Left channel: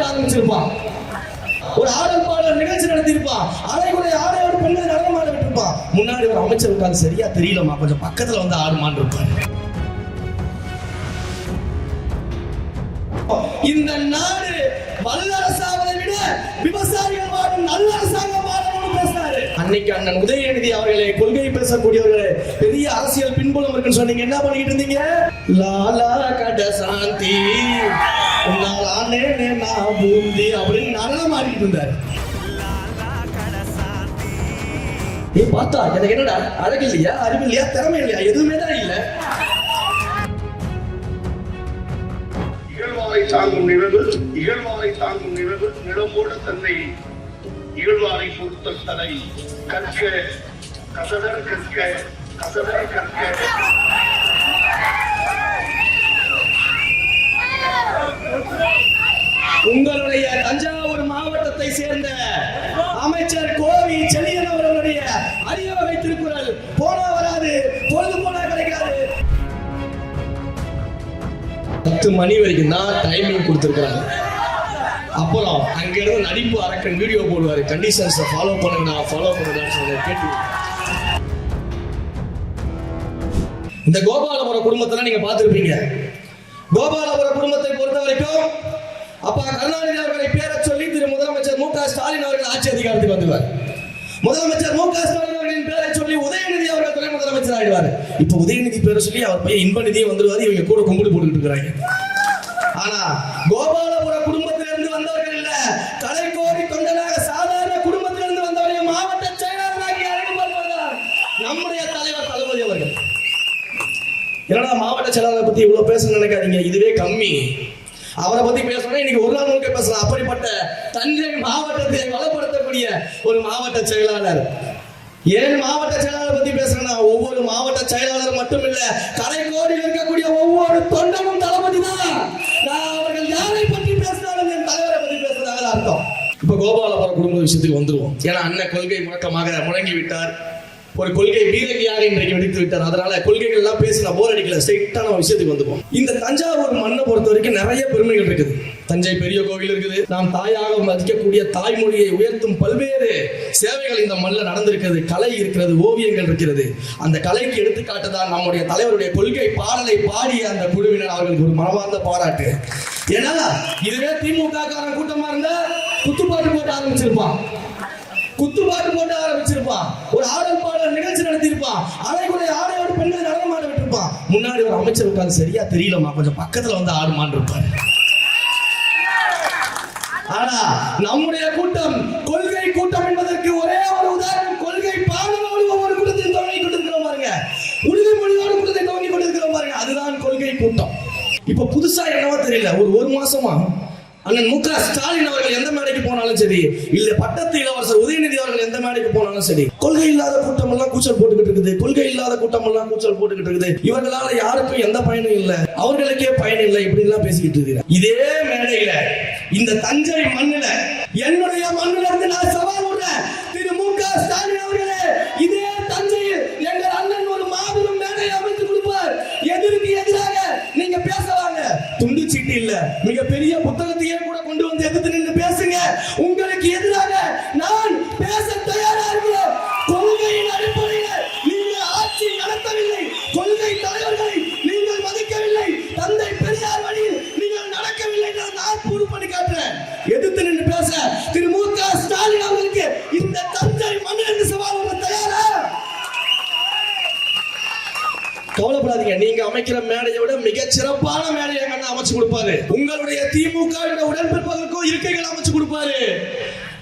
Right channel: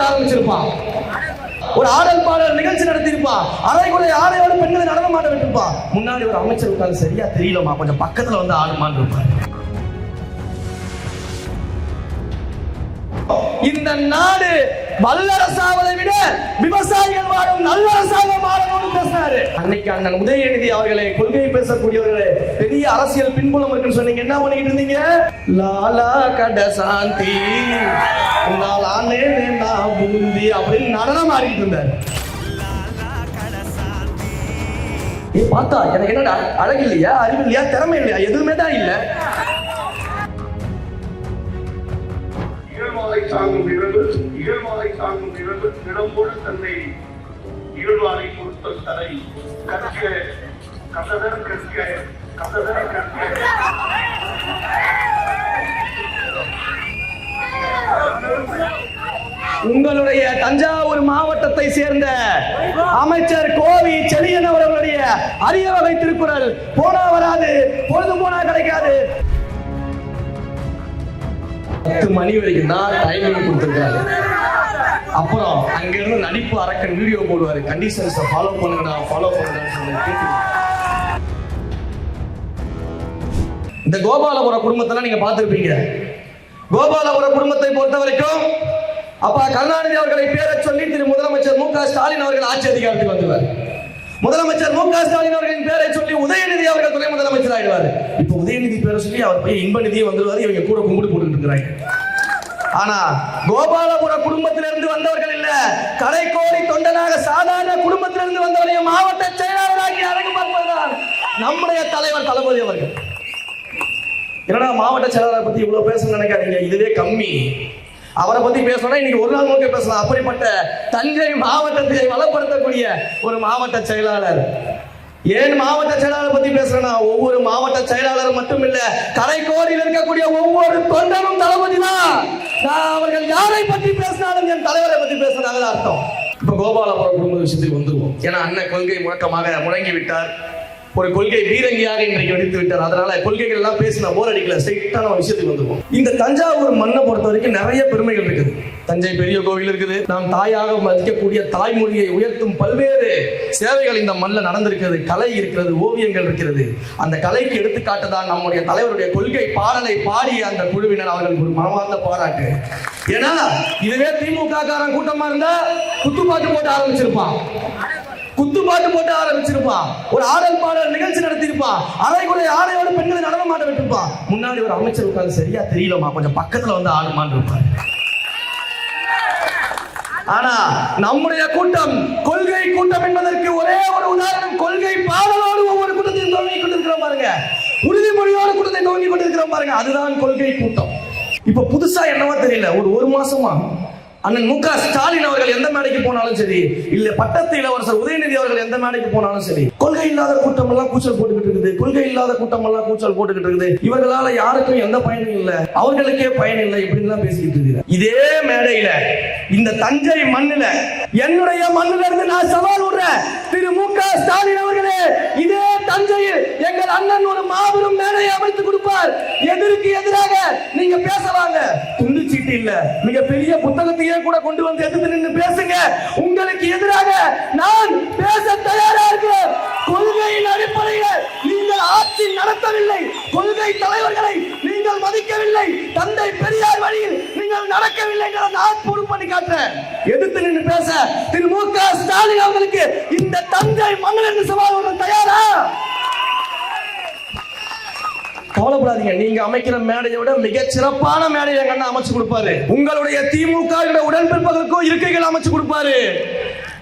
போட்டு ஆரம்பிச்சிருப்பான். ஒரு ஆடல் பாடல் நிகழ்ச்சி நடத்திருப்பான். அரைக்குறை ஆடையோட பெண்களை நடனம் ஆட விட்டுருப்பான். முன்னாடி ஒரு அமைச்சர் இருக்காரு, சரியா தெரியலமா, கொஞ்சம் பக்கத்துல வந்து ஆடுமான்னு இருப்பாரு. இந்த நாடு வல்லரசாவதை விட விவசாயிகள் வாழும் நல்லரசாக வாழணும்னு பேசுறாரு. அன்னைக்கு அண்ணன் உதயநிதி அவர்களே, கொள்கை பேசக்கூடியவர்களே, பெரிய அரசியல் பின்புலம் இருக்குன்னு சொன்னீங்க, என்ன பண்ணிக்கிட்டு இருந்தீங்க? லாலா கடசாந்தி அப்படின்னு நடனம் ஆடிட்டு இருந்தாரு. பார்த்தா எனக்கு என்னடா அழகு இல்லையா, அறிவு இல்லையா, திறமை இல்லையா, எதுவுமே தான் இல்ல. இகழ்வாரை தாங்கும் நிலம்போடு தன்னை இகழ்வாரை பொறுத்த தலை கற்க கசடர் உங்களுடைய தஞ்சாவூர் மாவட்டத்தை சேர்ந்த அமைச்சர் கோவி செழியன் அவர்களுடைய அரிய வகை திருக்குறள் போனா வராது, பொழுது போனா கிடைக்காது. 10 மணி வரைக்கும் தான் டைமிங் கொடுத்திருக்காங்க. அப்புறம் அங்கிருந்து நடிப்பு அரக்கன் வீடியோ போடுவாரு, கண்டிஷன்ஸ் ஃபாலோ பண்ணுங்க, ஃபாலோ பண்ணுங்கன்னு சொல்லி கேட்டு. இந்த கோபாலபுரம் குடும்பத்தெல்லாம் நீங்க பார்த்திருப்பீங்க. கோபாலபுரம் குடும்பத்தை பொறுத்த வரைக்கும் அப்பா கருணாநிதி அவர்களை பேரை சொல்லி திரு முதலமைச்சர் மு.க. ஸ்டாலின் அவர்கள் ஆட்சி அதிகாரத்துக்கு வந்துவார். முதலமைச்சர் மு.க. ஸ்டாலின் அவர்களின் பேரை சொல்லி உதயநிதி அவர்கள் துணை முதலமைச்சர் ஆயிடுவார். இப்ப உதயநிதி பேரை சொல்லி அவர் பையன் இன்ப நிதியை வந்துருவாரு. இவங்க கூட கும்பிடு போட்டு இருக்கிறாங்க. ஆனா கோபாலபுரம் குடும்பத்திலிருந்து வந்தவர்கள் இல்ல, கலைக்கோடி தொண்டனாக சாதாரண குடும்பத்திலிருந்து வந்தவர்கள் மாவட்ட செயலாளராகி அழைப்பு பார்ப்பதுதான் நம்முடைய தலைவர் தளபதி அவர்கள். ஏன்னா மாவட்ட செயலாளரை பத்தி இவ்வளவு பேச நினைக்காதீங்க, இதுவே கம்மி. அவரை பத்தி பேசணும் இன்னைக்கு ஒரு நாள் முழுக்க பேசலாம். அப்படிப்பட்ட தஞ்சை மாவட்டத்தை வளப்படுத்தக்கூடிய ஒரு மாவட்ட செயலாளர். ஏன் மாவட்ட செயலாளர் பத்தி பேசுறேன்னா, ஒவ்வொரு மாவட்ட செயலாளர் மட்டும் இல்ல, கலைக்கோடியில் இருக்கக்கூடிய ஒவ்வொரு தொண்டனும் தளபதி தான். நான் அவர்கள் யாரை பற்றி பேசினாலும் என் தலைவரை பற்றி பேசுறதாக அர்த்தம். இப்ப கோபாலபுரம் குடும்ப விஷயத்துக்கு வந்துருவோம். ஏன்னா அண்ணன் கொள்கை முழக்கமாக முழங்கி விட்டார், ஒரு கொள்கை பீரங்கியாக இன்றைக்கு வெடித்து விட்டார். அதனால கொள்கைகள் எல்லாம் பேசினா போர் அடிக்கல, ஸ்ட்ரெயிட்டான விஷயத்துக்கு வந்துருவோம். இந்த தஞ்சாவூர் மண்ணை பொறுத்த வரைக்கும் நிறைய பெருமைகள் இருக்குது. தஞ்சை பெரிய கோவில் இருக்குது. நாம் தாயாக மதிக்கக்கூடிய தாய்மொழியை உயர்த்தும் பல்வேறு சேவைகள் இந்த மண்ணில் நடந்திருக்கிறது. கலை இருக்கிறது, ஓவியங்கள் இருக்கிறது. அந்த கலைக்கு எடுத்துக்காட்டுதான் நம்முடைய தலைவருடைய கொள்கை பாடலை பாடிய அந்த குழுவினர் அவர்களுக்கு ஒரு மனமார்ந்த பாராட்டு. ஏன்னா இதுவே திமுக காரன் கூட்டமா இருந்தா குத்துப்பாட்டு போட்டு ஆரம்பிச்சிருப்பான், ஒரு ஆடல் பாடல் நிகழ்ச்சி நடத்திருப்பான். அரைக்குறை ஆடையோட பெண்களை நடனம் ஆட விட்டுருப்பான். முன்னாடி ஒரு அமைச்சர் இருக்காரு, சரியா தெரியலமா, கொஞ்சம் பக்கத்துல வந்து ஆடுமான்னு இருப்பாரு. ஆனா நம்முடைய கூட்டம் கொள்கை கூட்டம் என்பதற்கு ஒரே ஒரு உதாரணம், கொள்கை பாடலோடு ஒவ்வொரு கூட்டத்தையும் துவங்கி கொண்டிருக்கிறோம் பாருங்க, உறுதிமொழியோடு கூட்டத்தை துவங்கி கொண்டிருக்கிறோம் பாருங்க, அதுதான் கொள்கை கூட்டம். இப்ப புதுசா என்னவோ தெரியல, ஒரு மாசமா அண்ணன் மு.க. ஸ்டாலின் அவர்கள் எந்த மேடைக்கு போனாலும் சரி, இல்ல பட்டத்து இளவரசர் உதயநிதி அவர்கள் எந்த மேடைக்கு போனாலும் சரி, கொள்கை இல்லாத கூட்டம் எல்லாம் கூச்சல் போட்டுக்கிட்டு இருக்குது, கொள்கை இல்லாத கூட்டம் எல்லாம் கூச்சல் போட்டுக்கிட்டு இருக்குது, இவர்களால யாருக்கும் எந்த பயனும் இல்லை, அவர்களுக்கே பயன் இல்லை, இப்படின்னு தான் பேசிக்கிட்டு இருக்கு. இதே மேடையில இந்த தஞ்சை மண்ணுல, என்னுடைய மண்ணுல இருந்து நான் சவால் விடுறேன், திரு மு.க. ஸ்டாலின் அவர்களே, இதே தஞ்சையில் எங்கள் அண்ணன் ஒரு மாபெரும் மேடையை அமைத்து கொடுப்பார். எதிர்க்கு எதிராக நீங்க பேசவாங்க, துண்டு சீட்டு இல்ல, மிக பெரிய புத்தகத்தையே கூட கொண்டு வந்து எதிர்த்து நின்று பேசுங்க. உங்களுக்கு எதிராக நான் பேச தயாரா இருக்கிறேன். கொள்கையின் அடிப்படையில் நீங்கள் ஆட்சி நடத்தவில்லை, கொள்கை தலைவர்களை நீங்கள் மதிக்கவில்லை, தந்தை பெரியார் வழியில் நீங்கள் நடக்கவில்லை, நான் ப்ரூவ் பண்ணி காட்டுறேன். எதிர்த்து நின்று பேச திரு மு.க. ஸ்டாலின் அவர்களுக்கு இந்த தஞ்சை மண்ணிலிருந்து சவால் விட தயாரா? கவலைப்படாதீங்க, நீங்க அமைக்கிற மேடையை விட மிக சிறப்பான மேடையை கண்ணா அமைச்சு கொடுப்பாரு. உங்களுடைய திமுக உடன்பிறப்புகளுக்கும் இருக்கைகள் அமைச்சு கொடுப்பாரு.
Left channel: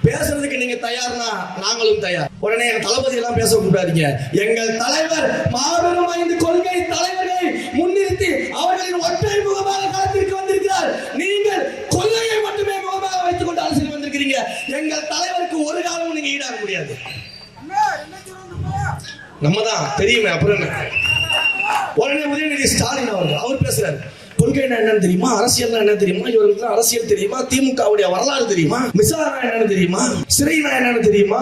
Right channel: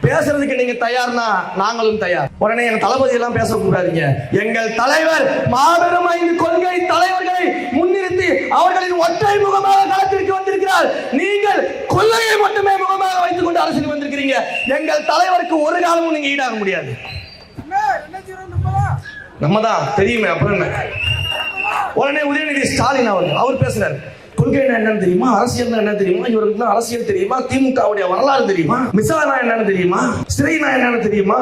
பேசுறதுக்கு நீங்க தயார்னா நாங்களும் தயார். உடனே எங்க தளபதி எல்லாம் பேசக்கூடாதீங்க. எங்கள் தலைவர் மாபெரும் 5 கொள்கை தலைவர்களை முன்னிறுத்தி அவர்களின் ஒற்றை முகமாக களத்திற்கு வந்திருக்கிறார். நீங்கள் கொள்கையை மட்டுமே முகமாக வைத்துக் கொண்டு அரசுக்கு வந்திருக்கிறீங்க. எங்கள் தலைவருக்கு ஒரு காலமும் நீங்க ஈடாக முடியாது. நம்ம தான் தெரியுமே. அப்புறம் என்ன? உடனே உதயநிதி ஸ்டாலின் அவர் பேசுறாரு, கொள்கை என்னன்னு தெரியுமா, அரசியல் என்ன தெரியுமா, இவருக்கு அரசியல் தெரியுமா, திமுகவுடைய வரலாறு தெரியுமா, மிசாரா என்னன்னு தெரியுமா, சிறைனா என்னன்னு தெரியுமா?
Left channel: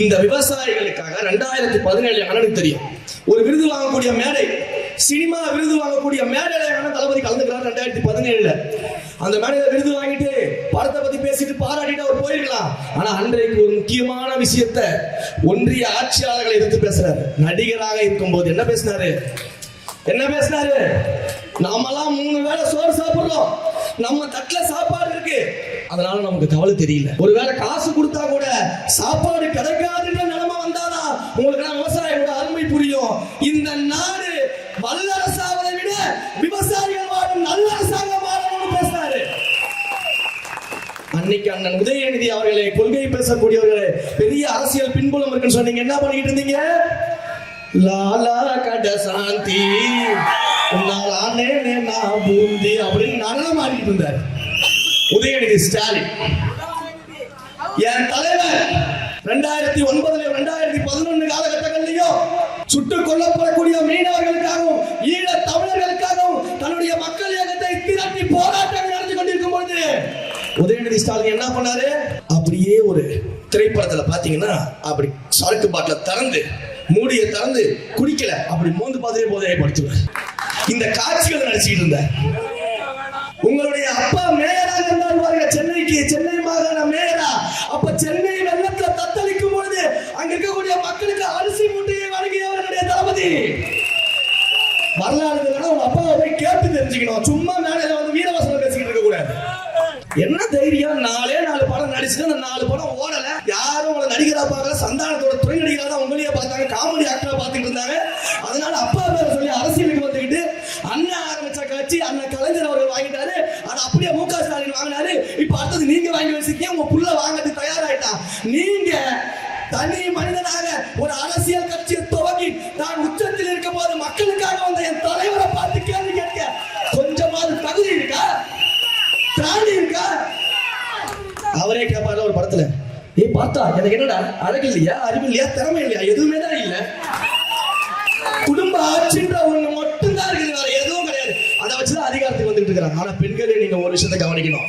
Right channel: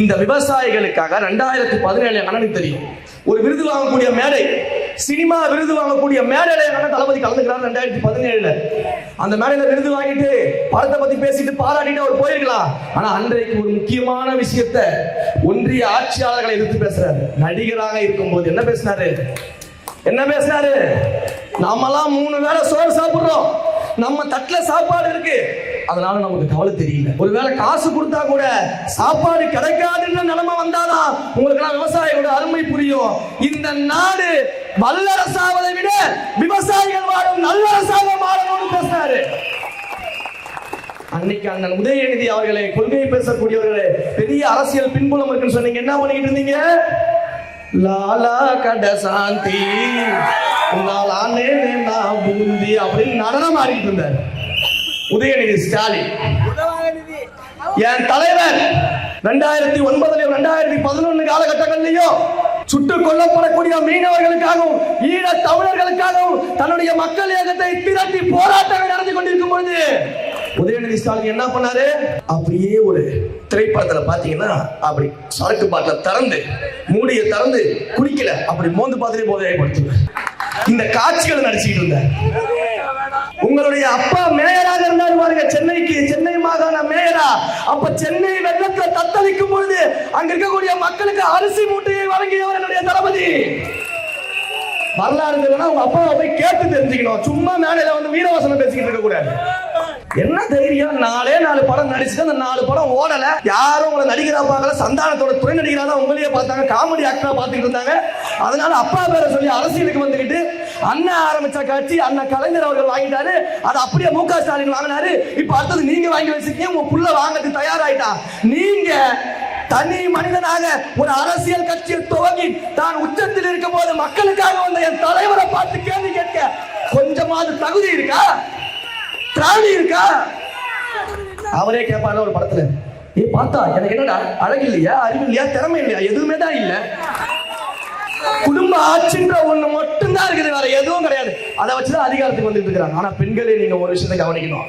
இந்த விவசாயிகளுக்காக 2017 அண்ணனுக்கு தெரியும், ஒரு விருது வாங்கக்கூடிய மேடை, சினிமா விருது வாங்கக்கூடிய மேடையில தளபதி கலந்துக்கிறார் 2017. அந்த மேடையில விருது வாங்கிட்டு படத்தை பத்தி பேசிட்டு பாராட்டிட்டு அவர் போயிருக்கலாம். ஆனா அன்றைக்கு ஒரு முக்கியமான விஷயத்தை ஒன்றிய ஆட்சியாளர்களை எதிர்த்து பேசுறாரு. நடிகராக இருக்கும்போது என்ன பேசினாரு? நாமெல்லாம் 3 வேளை சோறு சாப்பிடுறோம், நம்ம தட்டுல சாப்பாடு இருக்கு, அதனால நமக்கு கவலை தெரியல. ஒருவேளை காசு கொடுத்தா கூட சாப்பாடு கிடைக்காதுன்ற நிலைமை வந்தாதான் உங்களுக்கு விவசாயியோட அருமை புரியும். இந்த நாடு வல்லரசாவதை விட விவசாயிகள் வாழும் நல்லரசாக வாழணும்னு பேசுறாரு. அன்னைக்கு அண்ணன் உதயநிதி அவர்களே, கொள்கை பேசக்கூடியவர்களே, பெரிய அரசியல் பின்புலம் இருக்குன்னு சொன்னீங்க. என்ன பண்ணிக்கிட்டு இருந்தீங்க? லாலா கட சாந்தி பூந்தி அப்படின்னு நடனம் ஆடிட்டு இருந்தார் உதயநிதி ஸ்டாலின். என் தலைவர் 2009 2011 காலகட்டங்களிலேயும் சுட்டுக் கொல்லப்படக்கூடிய மீனவர்களுக்காகவும் ஈழ தமிழர்களுக்காகவும் தன்னுடைய மக்கள் இயக்கத்தை திரட்டி போராட்டம் நடந்து கொண்டிருக்கும் பொழுது உதயநிதி ஸ்டாலின் என்ன பண்ணாரு? அப்படியே ஒரு திரைப்படத்துல பாத்தீங்கன்னா அப்படி சரக்கு பாட்டை திறந்து மூடியை திறந்து குடிக்கல, அப்படி மோந்து பார்த்துட்டே போதைப்படுத்துவார். இந்த காட்சிகள் நடிச்சுட்டு இருந்தார். உங்களுடைய அப்பா மேயராக இருந்தார் பாருங்க, சென்னை மாகாண மேயரா. அப்ப சென்னை வெள்ளத்தை தத்தளிக்கும் பொழுது அங்க இருக்கக்கூடிய மக்களுக்கு அரிசி மூட்டையை வழங்கியவர் என்னுடைய தளபதி. வரலாறு உங்க அப்பாவை போய் கேட்டு தெரிஞ்சுக்கணும். சும்மா மேடையில வந்து வீரவசனம் பேசிக்கிட்டு இருக்க கூடாது. என்ன தைரியம்? 4 படம் நடிச்சுட்டு அந்த 4 படம் ஓடல. யாரும் உங்களை நடிகரா பார்க்கல, சந்தானத்தோட துணை நடிகரா உங்களையே பார்த்தாங்க, காமெடி ஆக்டரா பார்த்துட்டு இருந்தாங்க. அதனால அப்பா பேரை சொல்லி அரசியலுக்கு வந்துக்கிட்டு அண்ணன் ஆரம்பிச்ச கட்சி அண்ணன் கலைஞர் அவர்கள் வாங்கிட்டாரு, அது அப்படியே மு க ஸ்டாலின் வாங்கினாரு. இப்ப அடுத்தது நீங்க வாங்கி வச்சிருக்கீங்க, உங்க புள்ள வாங்கிறதுக்கு தயாராயிட்டா. நீங்க தனி மனிதனாக ஒரு அரசியல் கட்சியை துவங்கி தான் உச்சத்தில் இருக்கும் போது மக்களுக்காக வந்த என் தலைவரை பார்த்து கேள்வி கேட்க கொஞ்சமாவது தகுதி இருக்கா? திராணி இருக்கா? அவரே கேட்பாரு ஒரு படத்துல, பார்த்தா எனக்கு என்னடா அழகு இல்லையா, அறிவு இல்லையா, திறமை இல்லையா, எதுவுமே தான் இல்ல. குடும்ப ஆட்சின்ற ஒண்ணு மட்டும்தான் இருக்குது, வேற எதுவும் கிடையாது. அதை வச்சுதான் அதிகாரத்துக்கு வந்துட்டு இருக்காங்க. ஆனா பெண்களே நீங்க ஒரு விஷயத்தை கவனிக்கணும்,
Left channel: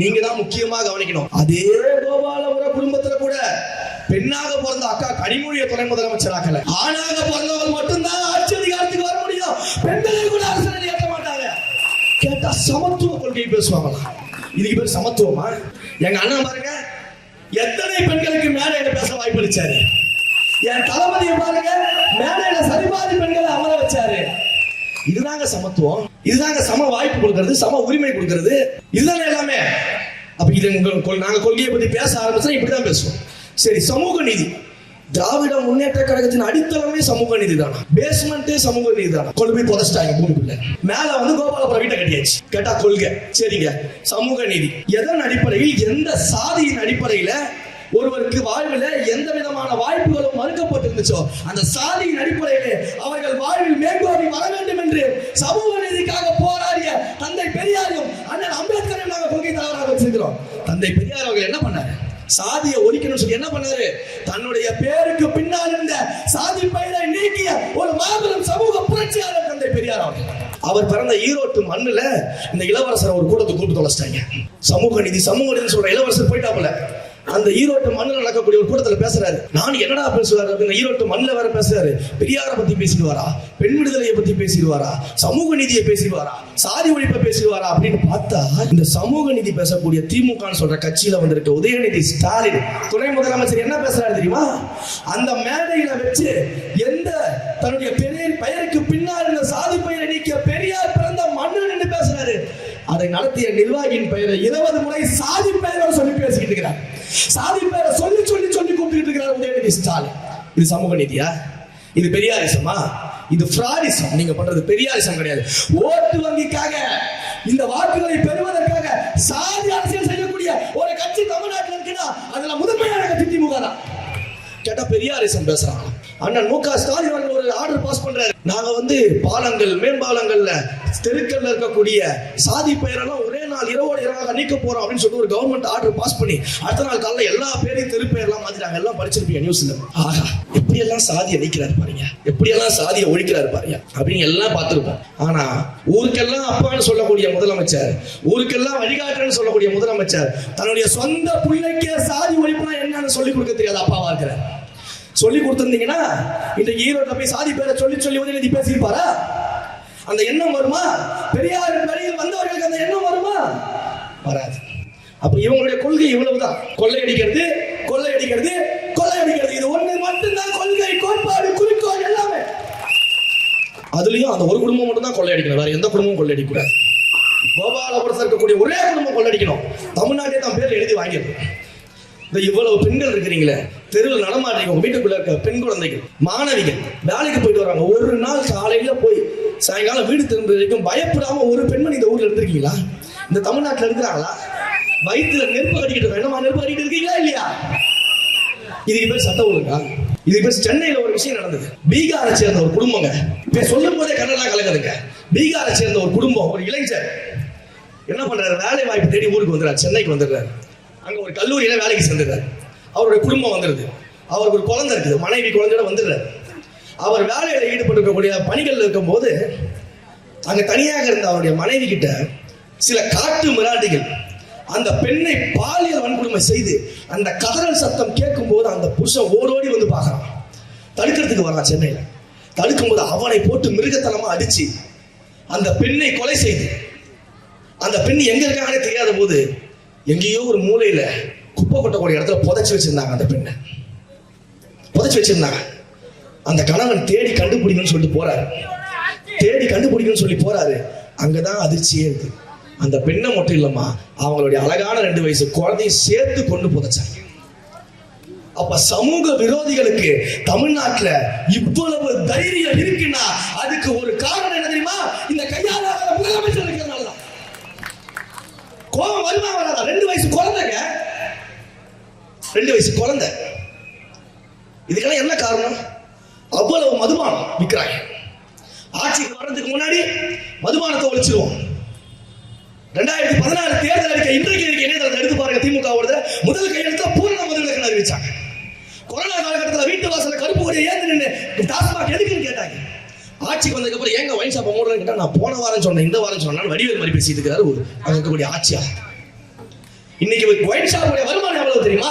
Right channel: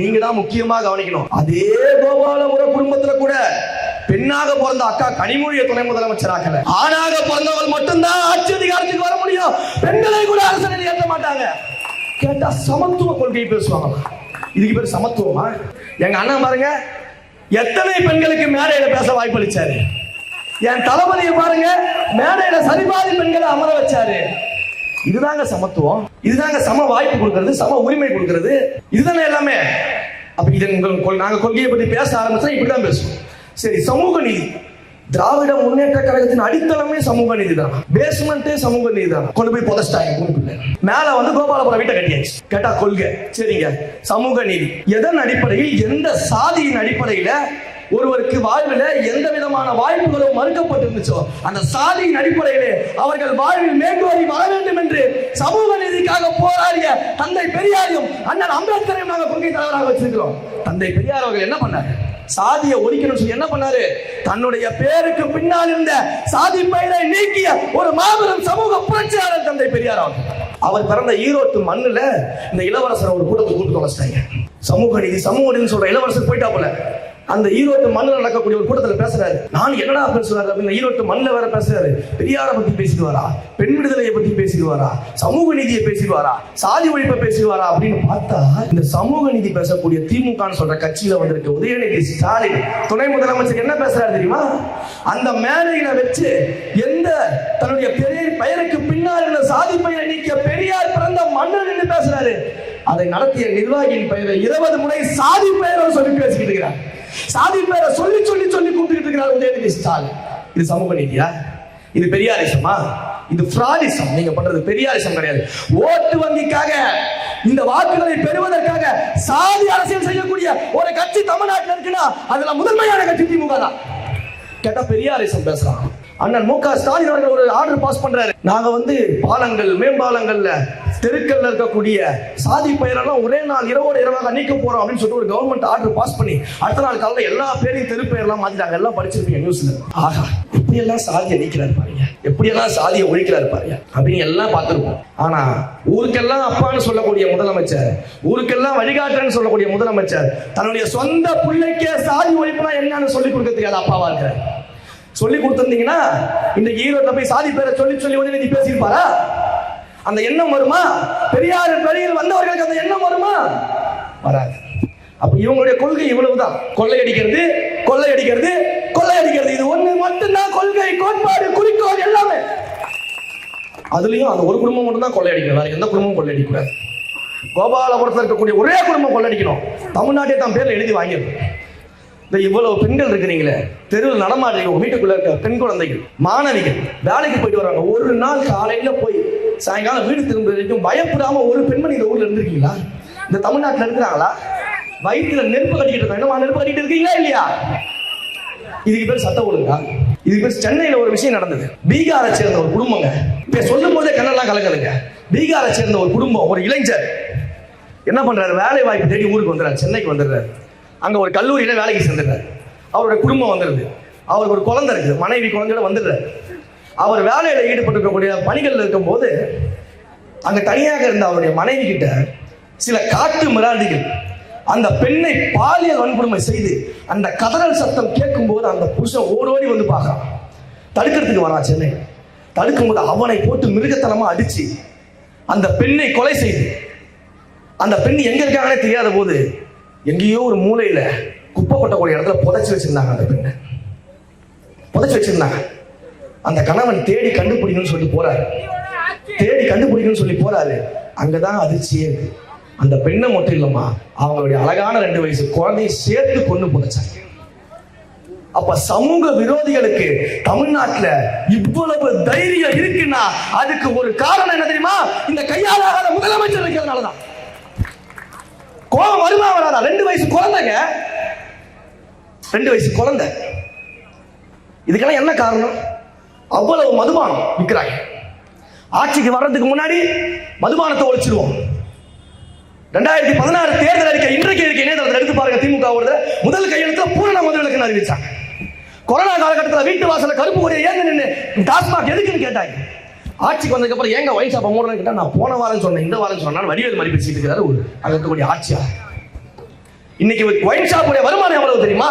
நீங்க தான் முக்கியமா கவனிக்கணும். அதே கோபாலபுரம் குடும்பத்துல கூட பெண்ணாக பிறந்த அக்கா கனிமொழியை துணை முதலமைச்சர் ஆக்கல. ஆணாக பிறந்தவர் மட்டும்தான் ஆட்சி அதிகாரத்துக்கு வர முடியும். பெண்களை கூட அரசியலில் ஏற்க மாட்டாங்க. கேட்டா சமத்துவ கொள்கை பேசுவாங்களா? இதுக்கு பேர் சமத்துவமா? எங்க அண்ணன் பாருங்க, எத்தனை பெண்களுக்கு மேடையில பேச வாய்ப்பு அளிச்சாரு. என் தளபதியை பாருங்க, மேடையில சரிபாதி பெண்களை அமர வச்சாரு. இதுதாங்க சமத்துவம், இதுதாங்க சம வாய்ப்பு கொடுக்கிறது, சம உரிமை கொடுக்கிறது, இதுதானே எல்லாமே. அப்ப இது நாங்க கொள்கையை பத்தி பேச ஆரம்பிச்சா இப்படிதான் பேசுவோம். சரி, சமூக நீதி. திராவிட முன்னேற்ற கழகத்தின் அடித்தளமே சமூக நீதி தான். பேஸ்மெண்ட் சமூக நீதி தான். கொண்டு போய் புதைச்சிட்டாங்க. மேல வந்து கோபாலபுரம் வீட்டை கட்டியாச்சு. கேட்டா கொள்கை. சரிங்க, சமூக நீதி எதன் அடிப்படையில், எந்த சாதியின் அடிப்படையில ஒருவருக்கு வாழ்வில் எந்த விதமான வாய்ப்புகளும் மறுக்கப்பட்டிருந்துச்சோ அந்த சாதியின் அடிப்படையிலே அவர்கள் வாழ்வில் மேற்கோறி வர வேண்டும் என்று சமூக நீதிக்காக போராடிய தந்தை பெரியாரையும் அண்ணன் அம்பேத்கரையும் நாங்கள் கொள்கை தலைவராக வச்சிருக்கிறோம். தந்தை பெரியார் அவர்கள் என்ன பண்ணாரு? சாதியை ஒழிக்கணும்னு சொல்லி என்ன பண்ணாரு? தன்னுடைய பேருக்கு பின்னால் இருந்த சாதி பெயரை நீக்கிய ஒரு மாபெரும் சமூக புரட்சியாளர் தந்தை பெரியார் அவர்கள். அவர் பிறந்த ஈரோட்டு மண்ணுல இந்த இளவரசர் ஒரு கூட்டத்தை கூட்டு தொலைச்சிட்டாங்க. சமூக நீதி சொல்ற இளவரசர் போயிட்டாப்புல. அந்த ஈரோட்டு மண்ணில் நடக்கக்கூடிய ஒரு கூட்டத்தில் பேசுறாரு. நான் என்னடா பேசுவாரு? இந்த ஈரோட்டு மண்ணில் வேற பேசுறாரு. பெரியாரை பத்தி பேசிடுவாரா, பெண் விடுதலையை பத்தி பேசிடுவாரா, சமூக நீதியை பேசிடுவாரா, சாதி ஒழிப்பை பேசிடுவாரா அப்படின்னு பார்த்தா இந்த சமூக நீதி பேசக்கூடிய திமுக சொல்ற கட்சியில வந்திருக்க உதயநிதி ஸ்டாலின் துணை முதலமைச்சர் என்ன பேசுறாரு தெரியுமா? அந்த மேடையில வச்சு எந்த தன்னுடைய பெயருக்கு பின்னால் இருந்த சாதி பெயரை நீக்கிய பெரியார் பிறந்த மண்ணில் நின்று பேசுறாரு. அதை நடத்திய நிர்வாகியின் பெயரை 20 முறை சாதி பெயரோடு சொல்லி பேசிக்கிட்டு இருக்கிறார். சாதி பெயரை சொல்லி கூப்பிட்டு இருக்கிறார் உதயநிதி ஸ்டாலின். இது சமூக நீதியா? இது பெரியாரிசமா? இது ஃப்ராடிசம். நீங்க பண்றது பெரியாரிசம் கிடையாது. ஓட்டு வங்கிக்காக, இந்த வாக்குகளை பெறுவதற்காக சாதி அரசியல் செய்யக்கூடிய ஒரு கட்சி தமிழ்நாட்டில் இருக்குன்னா அதுல முதன்மையான கட்சி திமுக தான். கேட்டா பெரியாரிசம் பேசுறாங்க. அண்ணன் மு க ஸ்டாலின் அவர்கள் ஒரு ஆர்டர் பாஸ் பண்றாரு. நாங்க வந்து பாலங்கள், மேம்பாலங்கள்ல, தெருக்கள்ல இருக்கக்கூடிய சாதி பெயரெல்லாம் ஒரே நாள் இரவோட இரவாக நீக்க போறோம் அப்படின்னு சொல்லி ஒரு கவர்மெண்ட் ஆர்டர் பாஸ் பண்ணி அடுத்த நாள் காலையில் எல்லா பேரையும் தெரு பெயர்லாம் மாத்திட்டாங்க. எல்லாம் படிச்சிருப்பீங்க நியூஸ்ல. ஆஹா, எப்படி எல்லாம் சாதியை நீக்கிறாரு பாருங்க, எப்படி எல்லாம் சாதியை ஒழிக்கிறாரு பாருங்க அப்படின்னு எல்லாம் பார்த்திருப்போம். ஆனா ஊருக்கெல்லாம் அப்பான்னு சொல்லக்கூடிய முதலமைச்சர், ஊருக்கெல்லாம் வழிகாட்டுன்னு சொல்லக்கூடிய முதலமைச்சர் தன்னுடைய சொந்த பிள்ளைக்கே சாதி ஒழிப்புனா என்னன்னு சொல்லி கொடுக்க தெரியாத அப்பாவா இருக்கிறார். சொல்லி கொடுத்திருந்தீங்கன்னா இந்த ஈரோட்ல போய் சாதி பேரை சொல்லி உதயநிதி பேசியிருப்பாரா? அந்த எண்ணம் வருமா? பெரியாரின் வழியில் வந்தவர்களுக்கு அந்த எண்ணம் வருமா? வராது. அப்ப இவங்களுடைய கொள்கை இவ்வளவுதான். கொள்ளையடிக்கிறது கொள்ளையடிக்கிறது கொள்ளையடிக்கிறது. இது ஒண்ணு மட்டும்தான் கொள்கை, கோட்பாடு, குறிக்கோள் எல்லாமே. அதுலயும் அந்த ஒரு குடும்பம் மட்டும் தான் கொள்ளையடிக்கணும், வேற எந்த குடும்பமும் கொள்ளையடிக்கூடாது. கோபாலபுரத்தில் இருக்கக்கூடிய ஒரே குடும்பம் கொள்ளையடிக்கணும். தமிழ்நாட்டே தான் பேர் எழுதி வாங்கியிருக்கோம். இந்த இவ்வளவு பெண்கள் இருக்கிறீங்களே, தெருவில் நடமாடுறீங்க, உங்க வீட்டுக்குள்ள இருக்க பெண் குழந்தைகள், மாணவிகள் வேலைக்கு போயிட்டு வராங்க. ஒரு நாள் காலையில போய் சாயங்காலம் வீடு திரும்ப வரைக்கும் பயப்படாம ஒரு பெண்மணி இந்த ஊர்ல இருந்திருக்கீங்களா? இந்த தமிழ்நாட்டில் இருக்கிறாங்களா? வயிற்றுல நெருப்பு கட்டிக்கிட்டு இருக்காங்க, நெருப்பு கட்டிக்கிட்டு இருக்கீங்களா இல்லையா? இதுக்கு பேர் சட்ட ஒழுங்கா? இதுக்கு பேர் சென்னையில ஒரு விஷயம் நடந்தது. பீகாரை சேர்ந்த ஒரு குடும்பங்க, இப்ப சொல்லும் போதே கண்ணெல்லாம் கலக்குதுங்க. பீகாரை சேர்ந்த ஒரு குடும்பம், ஒரு இளைஞர் என்ன பண்றாரு, வேலை வாய்ப்பு தேடி ஊருக்கு வந்துடுறாரு, சென்னைக்கு வந்துடுறாரு. அங்க ஒரு கல்லூரியில வேலைக்கு சென்றார். அவருடைய குடும்பம் வந்துருது, அவர் ஒரு குழந்தை இருக்குது, மனைவி குழந்தையோட வந்துடுறாரு. அவர் வேலையில ஈடுபட்டிருக்கக்கூடிய பணிகள் இருக்கும் போது அங்க தனியாக இருந்த அவருடைய மனைவி கிட்ட சில காட்டு மிராண்டிகள் அந்த பெண்ணை பாலியல் வன்கொடுமை செய்து அந்த கதறல் சத்தம் கேட்கும் போது அந்த புருஷன் ஓடோடி வந்து பார்க்கறான். தடுக்கிறதுக்கு வரான் சென்னையில. தடுக்கும் போது அவனை போட்டு மிருகத்தனமா அடிச்சு அந்த பெண்ணை கொலை செய்து, அந்த பெண் எங்க இருக்காங்கன்னு தெரியாத போது எங்கேயோ ஒரு மூலையில குப்பை கொட்டக்கூடிய இடத்துல புதைச்சு வச்சிருந்தாங்க. அந்த பெண்ணை புதைச்சு வச்சிருந்தாங்க. அந்த கணவன் தேடி கண்டுபிடிக்கணும்னு சொல்லி போறாரு, தேடி கண்டுபிடிக்கணும்னு சொல்லி போறாரு. அங்கதான் அதிர்ச்சியே இருக்கு. அந்த பெண்ணை மட்டும் இல்லம்மா, அவங்களுடைய அழகான 2 வயசு குழந்தையை சேர்த்து கொண்டு புதைச்சாங்க. அப்ப சமூக விரோதிகளுக்கு தமிழ்நாட்டுல இவ்வளவு தைரியம் இருக்குன்னா அதுக்கு ஒரு காரணம் என்ன தெரியுமா? இந்த கையாளாத முதலமைச்சர் இருக்கிறதுனாலதான். கோபம் வருமா வராதா? 2 வயசு குழந்தைங்க, 2 வயசு குழந்தை. இதுக்கெல்லாம் என்ன காரணம்? அவ்வளவு மதுபானம் விற்கிறாங்க. ஆட்சிக்கு வர்றதுக்கு முன்னாடி மதுபானத்தை ஒழிச்சிருவோம். 2016 தேர்தல் அறிக்கை இன்றைக்கு இணையதளத்தில் எடுத்து பாருங்க. திமுக முதல் கையெழுத்து பூரண முதலுக்கு அறிவிச்சாங்க. கொரோனா காலகட்டத்தில் வீட்டு வாசல கருப்பு கொடியை ஏங்க நின்று டாஸ்மாக் எதுக்குன்னு கேட்டாங்க. ஆட்சிக்கு வந்ததுக்கு அப்புறம் ஏங்க ஒயின் ஷாப் மூடலன்னு கேட்டா, நான் போன வாரம் சொன்னேன், இந்த வாரம் சொன்னா வடிவேல் மாதிரி பேசிட்டு இருக்காரு. அங்க இருக்கக்கூடிய ஆட்சியா? இன்னைக்கு ஒயின் ஷாப்புடைய வருமானம் எவ்வளவு தெரியுமா?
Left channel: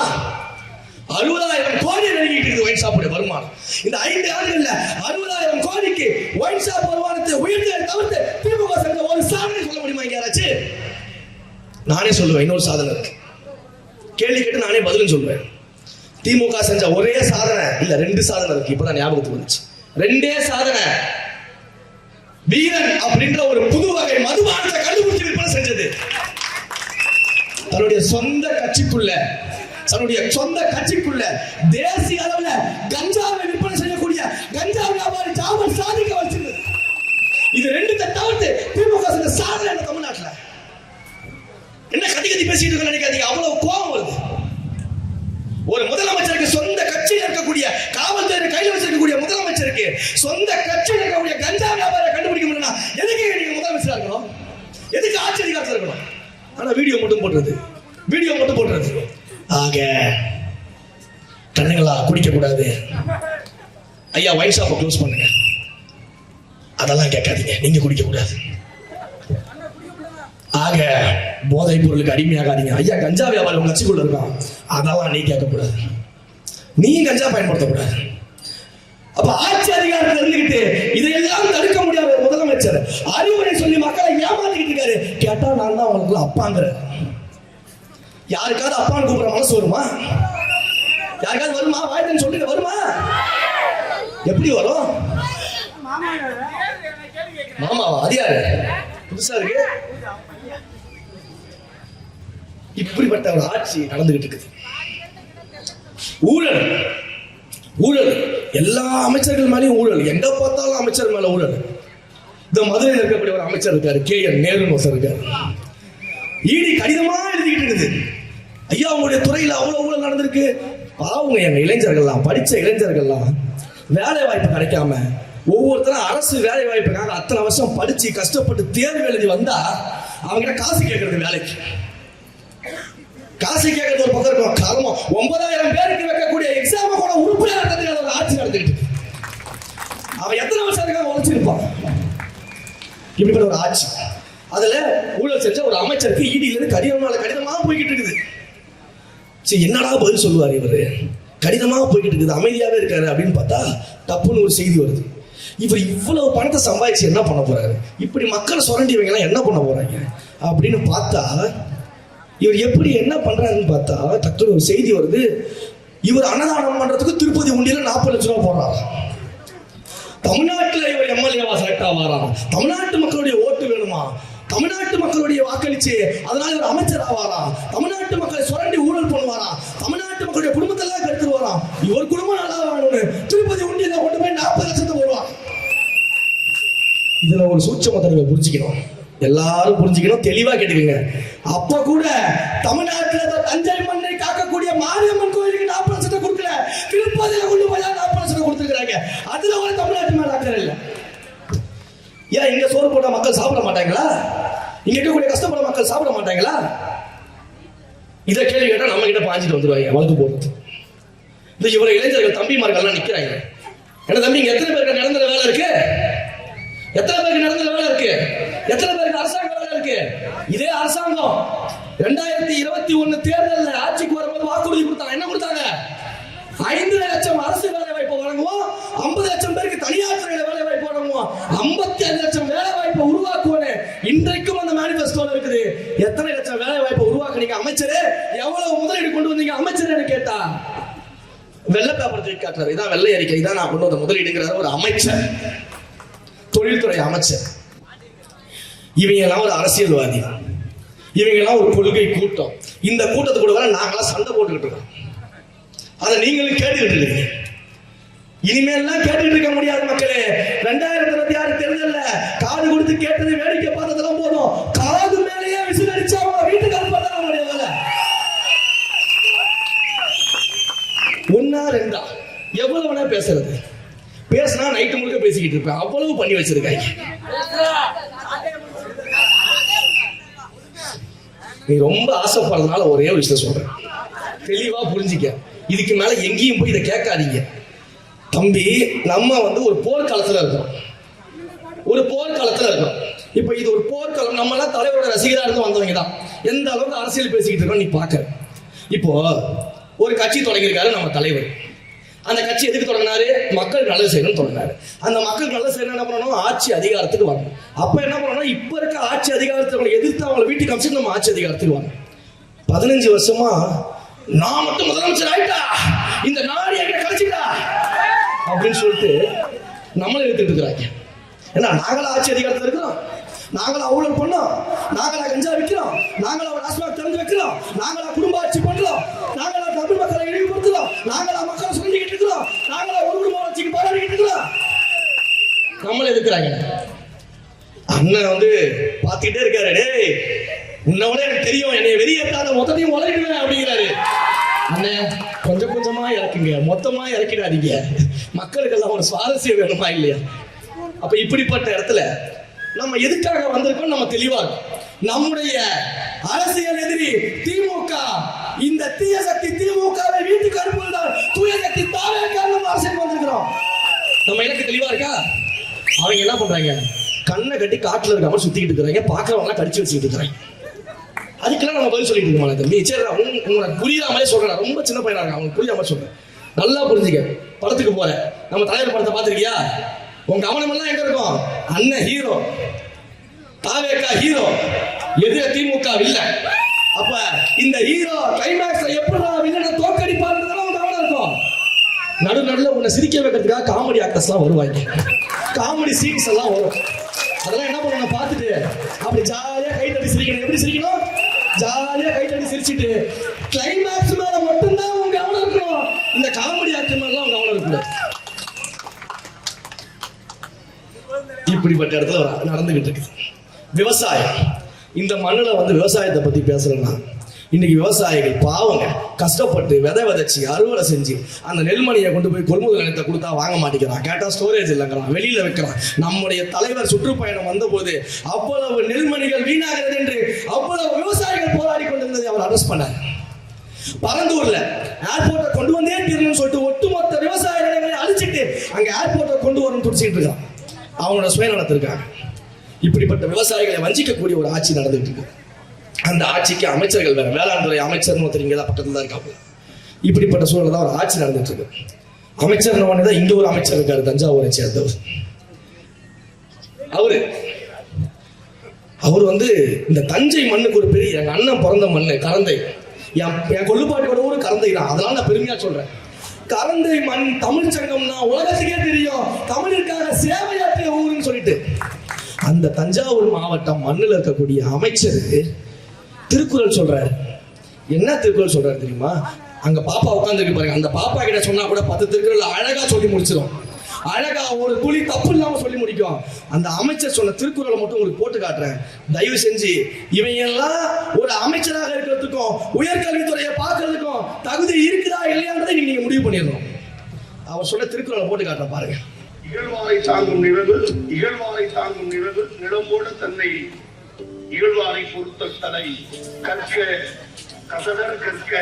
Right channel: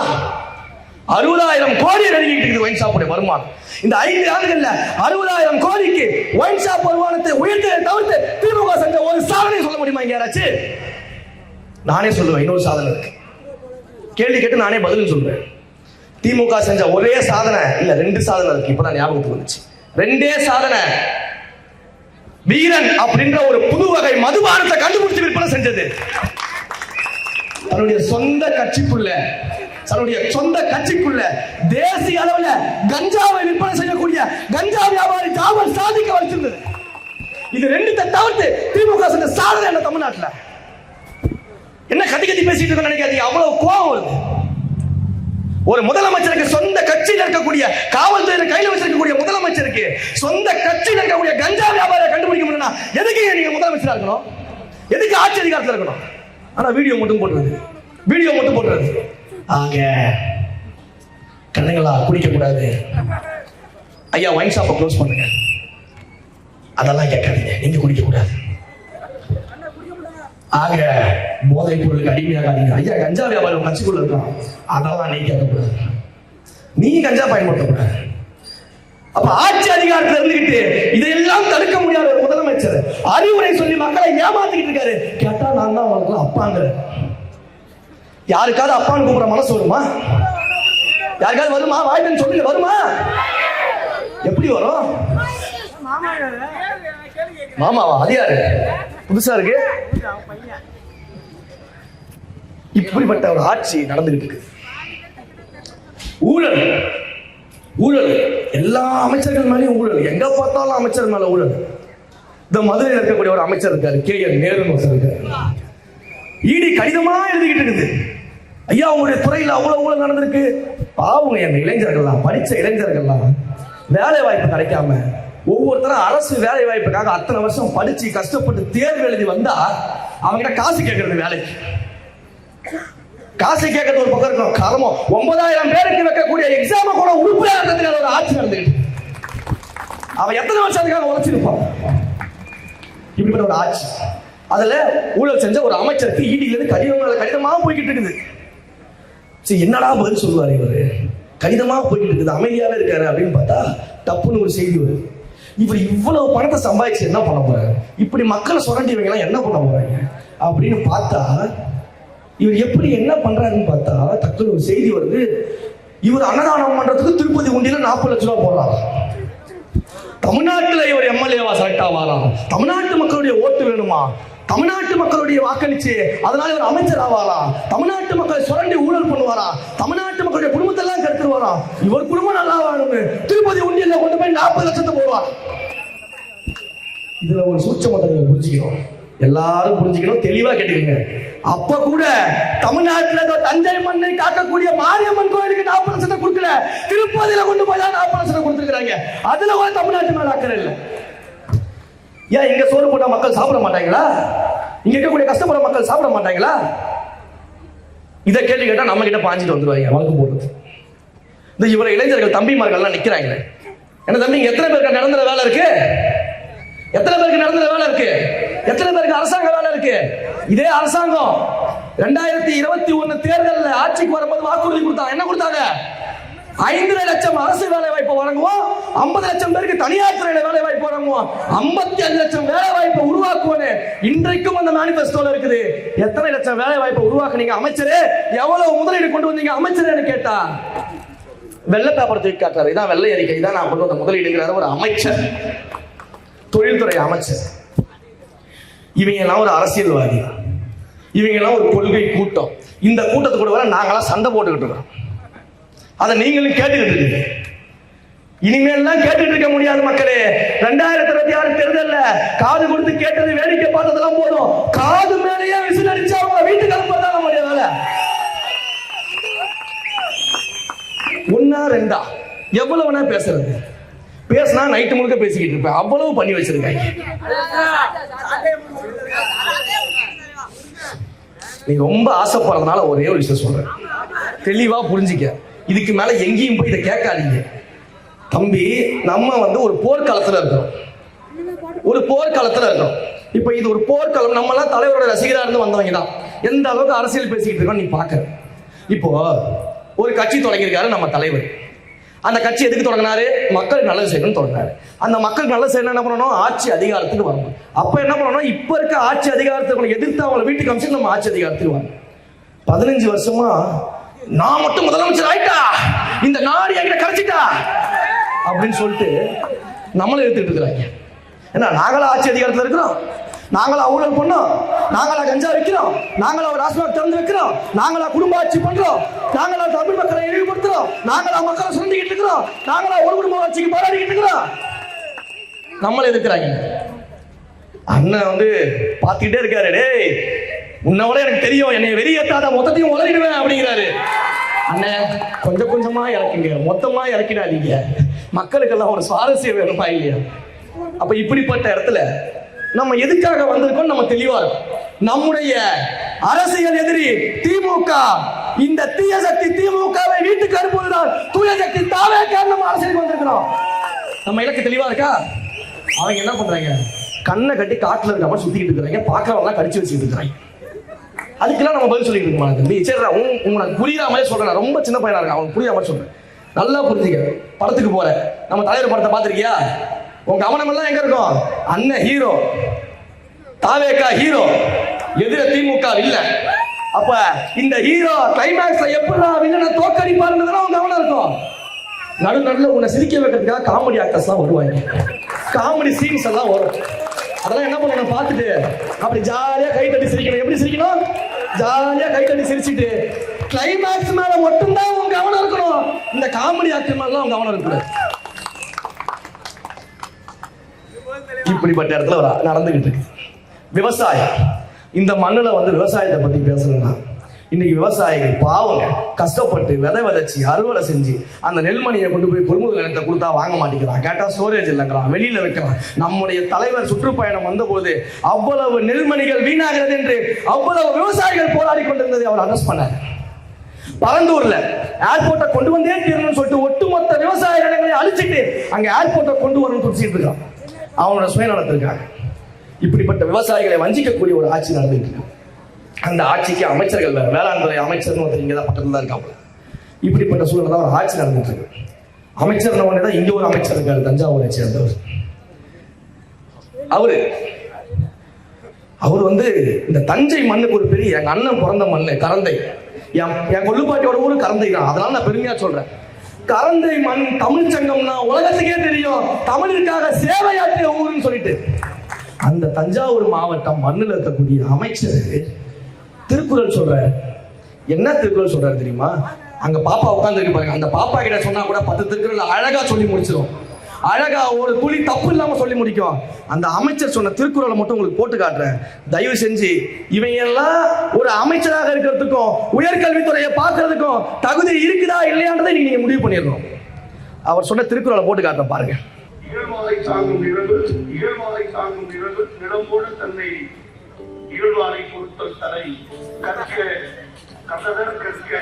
60,000 கோடி நெருங்கிட்டு இருக்கு ஒயின் ஷாப்புடைய வருமானம். இந்த 5 ஆண்டுகள்ல 60,000 கோடிக்கு ஒயின் ஷாப் வருமானத்தை உயர்த்ததை தவிர்த்து திமுக செஞ்ச ஒரு சாதனை சொல்ல முடியுமா? இங்க யாராச்சு? நானே சொல்லுவேன், இன்னொரு சாதனை இருக்கு. கேள்வி கேட்டு நானே பதிலும் சொல்றேன். திமுக செஞ்ச ஒரே சாதனை இல்ல, 2 சாதனை இருக்கு. இப்பதான் ஞாபகத்துக்கு வந்துச்சு. 2 சாதனை. வீரன் அப்படின்ற ஒரு புது வகை மதுபானத்தை கண்டுபிடிச்சு விற்பனை செஞ்சது. தன்னுடைய சொந்த கட்சிக்குள்ள தேசிய அளவுல கஞ்சாவை விற்பனை செய்யக்கூடிய கஞ்சா வியாபாரி காவல் சாதிக்க வச்சிருந்தது. இது 2 தவிர்த்து திமுக செஞ்ச சாதனை என்ன தமிழ்நாட்டுல? என்ன கதி பேசிட்டு இருக்க நினைக்காதீங்க, அவ்வளவு கோபம் வருது. ஒரு முதலமைச்சருக்கு சொந்த கட்சியில் இருக்கக்கூடிய காவல்துறை கையில் வச்சிருக்கக்கூடிய முதலமைச்சருக்கு சொந்த கட்சியில் இருக்கக்கூடிய கஞ்சா வியாபாரியை கண்டுபிடிக்க முடியும்னா எதுக்கு நீங்க முதலமைச்சரா இருக்கணும்? எதுக்கு ஆட்சி அதிகாரத்தில் இருக்கணும்? ஆனா வீடியோ மட்டும் போடுறது. ஆக கடைகளா குடிக்க கூடாது, ஐயா ஒயின் ஷாப்பை க்ளோஸ் பண்ணுங்க, அதெல்லாம் கேட்காதீங்க, நீங்க குடிக்க கூடாது. ஆக போதைப் பொருளுக்கு அடிமையாகாதீங்க, ஐயா கஞ்சா வியாபாரம் கட்சிக்குள்ள இருக்கான், அதெல்லாம் நீ கேட்கக்கூடாது, நீ கஞ்சா பயன்படுத்தக்கூடாது. அப்ப ஆட்சி அதிகாரத்தில் இருந்துகிட்டு இதையெல்லாம் தடுக்க முடியாத முதலமைச்சர் அறிவுரை சொல்லி மக்களை ஏமாத்திக்கிட்டு இருக்காரு. கேட்டா நான் தான் அவங்களுக்கு அப்பாங்கிற. யாருக்காவது அப்பான்னு கூப்பிட மனசு வருமா? யாருக்காவது வருமா? வாய்ப்பு சொல்லி வருமா? எப்படி வரும்? மாமாவா? அது யாரு? புதுசா இருக்கு. இப்படிப்பட்ட ஒரு ஆட்சி நடந்துகிட்டு இருக்கு. ஊழல் எல்லா அமைச்சர்கள் மேலேயும் ஊழல், எங்க பார்த்தாலும் அமைச்சர் மேல ஊழல். இந்த மதுரையில் இருக்கக்கூடிய ஒரு அமைச்சர் இருக்காரு, KN நேருன்னு இருக்காரு. ஈடி கடிதமா எழுதிக்கிட்டு இருக்குது, ஐயா உங்களுடைய துறையில் அவ்வளவு ஊழல் நடந்திருக்கு. பாவங்க எங்க இளைஞர்கள்லாம், படிச்ச இளைஞர்கள்லாம் வேலை வாய்ப்பு கிடைக்காம ஒவ்வொருத்தரும் அரசு வேலை வாய்ப்புக்காக அத்தனை வருஷம் படிச்சு கஷ்டப்பட்டு தேர்வு எழுதி வந்தா அவங்க காசு கேட்கறது, வேலைக்கு காசு கேட்கறது ஒரு பக்கம் இருக்கும். கர்மம் 9,000 பேருக்கு வைக்கக்கூடிய எக்ஸாம கூட உறுப்பினர் ஆட்சி நடந்துட்டு அவன் எத்தனை வருஷத்துக்காக உழைச்சிருப்பான். இப்படி ஒரு ஆட்சி, அதுல ஊழல் செஞ்ச ஒரு அமைச்சருக்கு ஈடியில இருந்து கடிதமாக போய்கிட்டு இருக்குது. சரி, என்னடா பதில் சொல்லுவார் இவரு? கடிதமாக போய்கிட்டு இருக்குது, அமைதியாவே இருக்காரு அப்படின்னு பார்த்தா தப்புன்னு ஒரு செய்தி வருது. இவர் இவ்வளவு பணத்தை சம்பாதிச்சு என்ன பண்ண போறாரு? இப்படி மக்களை சுரண்டி வைக்கலாம் என்ன பண்ண போறாங்க அப்படின்னு பார்த்தா இவர் எப்படி என்ன பண்றாருன்னு பார்த்தா டக்குனு ஒரு செய்தி வருது. இவர் அன்னதானம் பண்றதுக்கு திருப்பதி உண்டியில 40 லட்சம் ரூபாய் போறாரு. தமிழ்நாட்டுல இவர் எம்எல்ஏவா செலக்ட் ஆவாரா? தமிழ்நாட்டு மக்களுடைய ஓட்டு வேணுமா? தமிழ்நாட்டு மக்களுடைய வாக்களிச்சு அதனால இவர் அமைச்சர் ஆவாரா? தமிழ்நாட்டு மக்களை சுரண்டி ஊழல் பண்ணுவாரா? தமிழ்நாட்டு மக்களுடைய குடும்பத்தை எல்லாம் கெடுத்துருவாரா? இவர் குடும்பம் நல்லா வாழணும்னு திருப்பதி உண்டியல கொண்டு போய் 40 லட்சத்தை போடுவார். இதுல ஒரு சூட்சமத்தை நீங்க புரிஞ்சுக்கணும், எல்லாரும் புரிஞ்சுக்கணும், தெளிவா கேட்டுக்கங்க. அப்ப கூட தமிழ்நாட்டுல தஞ்சை மண்ணை காக்கக்கூடிய மாரியம்மன் கோயிலுக்கு 40 லட்சத்தை கொடுக்கல, திருப்பதியில கொண்டு போய் 40 லட்சத்தை கொடுத்துருக்காங்க. அதுல ஒரு தமிழ்நாட்டு மேல அக்கறை இல்லை. ஏன் இங்க சோறு போட்ட மக்கள் சாப்பிட மாட்டாங்களா? இங்க இருக்கக்கூடிய கஷ்டப்பட மக்கள் சாப்பிட மாட்டாங்களா? இதை கேள்வி கேட்டா நம்ம கிட்ட பாஞ்சிட்டு வந்துருவாங்க வழக்கு போடுறது. இந்த இவரை இளைஞர்கள் தம்பிமார்கள் எல்லாம் நிக்கிறாங்க. என்ன தம்பி, இங்க எத்தனை பேருக்கு நடந்த வேலை இருக்கு? எத்தனை பேருக்கு நடந்த வேலை இருக்கு? எத்தனை பேருக்கு அரசாங்க வேலை இருக்கு? இதே அரசாங்கம் 2021 தேர்தலில் ஆட்சிக்கு வரும்போது வாக்குறுதி கொடுத்தாங்க. என்ன கொடுத்தாங்க? 5 லட்சம் அரசு வேலை வாய்ப்பு வழங்குவோம், 50 லட்சம் பேருக்கு தனியார் துறையில வேலை வாய்ப்பு வழங்குவோம், 55 லட்சம் வேலை வாய்ப்பு உருவாக்குவோம். இன்றைக்கும் அந்த மேனிபெஸ்டோல இருக்குது. எத்தனை லட்சம் வேலை வாய்ப்பு உருவாக்குனீங்க அமைச்சரே? எவ்வளவு முதலீடு கொண்டு வந்தீங்க அமைச்சர் கேட்டா வெள்ளை பேப்பர் காட்டுறாரு. இதான் வெள்ளை அறிக்கை, இதான் நான் கொண்டு வந்த முதலீடுங்கிறார் ஒரு அமைச்சர், தொழில்துறை அமைச்சர். இவங்க எல்லாம் ஒரு அரசியல்வாதி, இவங்க எல்லாம் ஒரு கொள்கை கூட்டம். இந்த கூட்டத்துக்கு கூட நாங்களாம் சண்டை போட்டுக்கிட்டு இருக்கோம். அதை நீங்களும் கேட்டுக்கிட்டு இருக்கீங்க. இனிமேல்லாம் கேட்டுட்டு இருக்க முடியாது மக்களே. 2026 தேர்தல்ல காது கொடுத்து கேட்டது வேடிக்கை பார்த்ததெல்லாம் போதும். காது மேலேயே விசில் அடிச்சா வீட்டுக்கு அனுப்பதான் நம்முடைய வேலை. ஒன்னா ரெண்டா எவ்வளவுனா பேசுறது? பேசினா நைட்டு முழுக்க பேசிக்கிட்டு இருப்பேன். அவ்வளவு பண்ணி வச்சிருக்காங்க. நீ ரொம்ப ஆசைப்படுறதுனால ஒரே ஒரு விஷயம் சொல்றேன், தெளிவா புரிஞ்சிக்க. இதுக்கு மேல எங்கேயும் போய் இதை கேட்காதீங்க தம்பி. நம்ம ஒரு போர்க்காலத்துல இருக்கோம், ஒரு போர்க்காலத்துல இருக்கோம். இப்ப இது ஒரு போர்க்காலம். நம்ம எல்லாம் தலைவரோட ரசிகரா இருந்து வந்தவங்க தான். எந்த அளவுக்கு அரசியல் பேசிக்கிட்டு இருக்கோம் நீ பாக்க. இப்போ ஒரு கட்சி தொடங்கியிருக்காரு நம்ம தலைவர். அந்த கட்சி எதுக்கு தொடங்கினாரு? மக்கள் நல்லது செய்யணும் தொடங்கினாரு. அந்த மக்கள் நல்லது செய்யணும் என்ன பண்ணணும்? ஆட்சி அதிகாரத்துக்கு வரணும். அப்ப என்ன பண்ணணும்? இப்ப இருக்க ஆட்சி அதிகாரத்துக்கு எதிர்த்து அவங்களை வீட்டுக்கு அமைச்சு நம்ம ஆட்சி அதிகாரத்துக்கு வரணும். 15 வருஷமா நான் மட்டும் முதலமைச்சர் ஆயிட்டா, இந்த நாடு எங்க கழிச்சிட்டா அப்படின்னு சொல்லிட்டு நம்மளை எடுத்துட்டு இருக்கிறாங்க. ஏன்னா நாங்களா ஆட்சி அதிகாரத்தில் இருக்கிறோம், நாங்களா ஊழல் பண்ணோம், நாங்களா கஞ்சா வைக்கிறோம், நாங்களா ராஜ்மார்க் திறந்து வைக்கிறோம், நாங்களா குடும்ப ஆட்சி பண்றோம், நாங்களா தமிழ் மக்களை இழிவுபடுத்துறோம், நாங்களா மக்களை சொல்லிக்கிட்டு இருக்கிறோம், நாங்களா ஒரு குடும்ப ஆட்சிக்கு போராடிக்கிட்டு இருக்கிறோம். நம்மளே இருக்கிறாங்க. அண்ணன் பாத்துக்கிட்டே இருக்காரு. டேய், உன்னோட எனக்கு தெரியும், என்னை வெளியேற்றாத மொத்தத்தையும் உழைக்குவேன் அப்படிங்கிறாரு. அண்ணன் கொஞ்சம் கொஞ்சமா இறக்குங்க, மொத்தமா இறக்கிடாதீங்க. மக்களுக்கெல்லாம் ஒரு சுவாரஸ்யம் வேணுமா இல்லையா? அப்ப இப்படிப்பட்ட இடத்துல நம்ம எதுக்காக வந்திருக்கோம் நம்ம தெளிவா இருக்கும். நம்முடைய அரசியல் எதிரி திமுக, இந்த தீய சக்தி திமுகவை வீட்டுக்கு அனுப்புவதால் தூய சக்தி தாவே காரணம் அரசியல் வந்திருக்கிறோம். நம்ம எனக்கு தெளிவா இருக்கா? அவங்க என்ன பண்றாங்க? கண்ணை கட்டி காட்டுல இருக்க மாதிரி சுத்திக்கிட்டு இருக்கிறாங்க, பாக்கிறவங்க கடிச்சு வச்சுட்டு இருக்காங்க. அதுக்கெல்லாம் நம்ம பதில் சொல்லிட்டு இருக்கோம் தம்பி. சரி, உங்களுக்கு புரியாத மாதிரி சொல்றேன். ரொம்ப சின்ன பையனா இருக்கேன், அவனுக்கு புரியாத மாதிரி சொல்றேன். நல்லா புரிஞ்சுக்க. படத்துக்கு போற நம்ம தலைவர் படத்தை பாத்திருக்கியா? உங்க கவனம் எல்லாம் எங்க இருக்கும்? அண்ணன் ஹீரோ, தாவேகா ஹீரோ, எதிர திமுக இல்ல. அப்ப இந்த ஹீரோ கிளைமேக்ஸ்ல எப்படிடா வில்லனை தோக்கடிப்பாருன்னு உங்க கவனம் இருக்கும். நடுநடுல உன்னை சிரிக்க வைக்கிறதுக்காக காமெடி ஆக்டர்ஸ் எல்லாம் வருவாங்க, காமெடி சீன்ஸ் எல்லாம் வரும். அதெல்லாம் என்ன பண்ணணும் பார்த்துட்டு அப்படி ஜாலியா கை தட்டி சிரிக்கணும். எப்படி சிரிக்கணும்? ஜாலியா கை தட்டி சிரிச்சுட்டு கிளைமேக்ஸ் மேல மட்டும்தான் உங்க கவனம் இருக்கணும். இந்த காமெடி ஆக்டர் மேல உங்க கவனம் இருக்கணும். இப்படிப்பட்ட இடத்துல நடந்துகிட்டு இருக்கு விவசாயம். இந்த மண்ணுல விவசாயத்தை பத்தி பேசணும்னா இன்னைக்கு விவசாயிகள் பாவங்க கஷ்டப்பட்டு விதைச்சு அறுவடை செஞ்சு அந்த நெல்மணியை கொண்டு போய் கொள்முதல் நிலையத்தை கொடுத்தா வாங்க மாட்டேங்கிறான். கேட்டா ஸ்டோரேஜ் இல்லைங்கிறான், வெளியில வைக்கிறான். நம்முடைய தலைவர் சுற்றுப்பயணம் வந்தபோது அவ்வளவு நெல்மணிகள் வீணாகிறது என்று அவ்வளவு விவசாயிகள் போராடி கொண்டிருந்ததை அவர் அரெஸ்ட் பண்ணார். பரந்தூர்ல ஏர்போர்ட்டை கொண்டு வந்தே தீரணும்னு சொல்லிட்டு ஒட்டுமொத்த விவசாய இடங்களை அழிச்சிட்டு அங்க ஏர்போர்ட்டை கொண்டு வரணும்னு துடிச்சிட்டு இருக்கான். அவனோட சுயநலத்திற்காக இப்படிப்பட்ட விவசாயிகளை வஞ்சிக்கக்கூடிய ஒரு ஆட்சி நடந்துட்டு இருக்கு. அந்த ஆட்சிக்கு அமைச்சர்கள் வேற, வேளாண் துறை அமைச்சர் ஒருத்தர் தான் பக்கத்துல தான் இருக்காங்க. இப்படிப்பட்ட சூழல் தான் ஒரு ஆட்சி நடந்துட்டு இருக்கு. அமைச்சர் தான் இங்க ஒரு அமைச்சர் இருக்காரு, தஞ்சாவூரை சேர்ந்தவர். அவரு அவர் இந்த தஞ்சை மண்ணுக்கு ஒரு பெரிய எங்க அண்ணன் பிறந்த மண்ணு கரந்தை. என் கொள்ளுப்பாட்டியோட ஊர் கரந்தை தான். அதனால நான் பெருமையா சொல்றேன். கரந்தை மண் தமிழ் சங்கம்னா உலகத்துக்கே தெரியும், தமிழுக்காக சேவையாற்றிய ஊருன்னு சொல்லிட்டு. அந்த தஞ்சாவூர் மாவட்டம் மண்ணில் இருக்கக்கூடிய அமைச்சர் திருக்குறள் சொல்றாரு. என்ன திருக்குறள் சொல்றாரு தெரியுமா? அங்க பாப்பா உட்கார்ந்து பாருங்க. அந்த பாப்பா கிட்ட சொன்னா கூட 10 திருக்குறள் அழகா சொல்லி முடிச்சிடும். அழகா ஒரு துளி தப்பு இல்லாம சொல்லி முடிக்கும். அந்த அமைச்சர் சொன்ன திருக்குறளை மட்டும் உங்களுக்கு போட்டு காட்டுறேன். தயவு செஞ்சு இவையெல்லாம் ஒரு அமைச்சராக இருக்கிறதுக்கும் உயர்கல்வித்துறையை பார்க்கறதுக்கும் தகுதி இருக்குதா இல்லையான்றதை நீங்க முடிவு பண்ணிடணும். அவர் சொன்ன திருக்குறளை போட்டு காட்டுறேன் பாருங்க. இகழ்வாரை தாங்கும் நிலவு நிலம்போடு தன்னை இகழ்வாரை பொறுத்தல் தலை கற்க கசடர் கற்க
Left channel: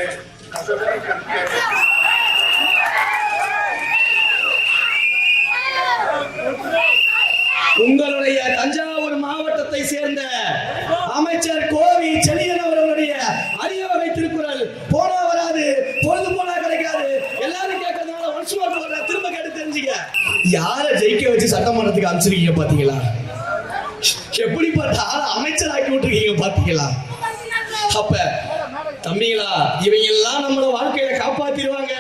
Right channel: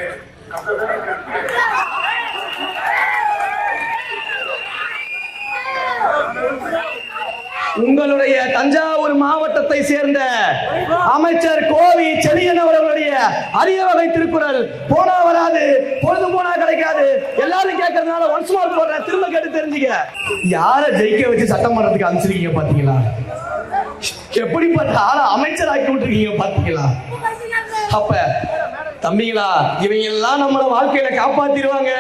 உங்களுடைய தஞ்சாவூர் மாவட்டத்தை சேர்ந்த அமைச்சர் கோவி செழியன் அவர்களுடைய அரிய வகை திருக்குறள் போனா வராது, பொழுது போனா கிடைக்காது. எல்லாரும் கேட்கறதுனால ஒன்ஸ் மோர் போடுற, திரும்ப கேட்டு தெரிஞ்சுக்க. யார ஜெயிக்க வச்சு சட்டமன்றத்துக்கு அனுப்பிச்சிருக்கீங்க பாத்தீங்களா? எப்படிப்பட்ட ஆள அமைச்சர் ஆக்கி விட்டுருக்கீங்க பாத்தீங்களா? அப்ப தம்பிங்களா, இவங்க எல்லாம் நம்மள வாழ்க்கையில காப்பாத்திடுவாங்க,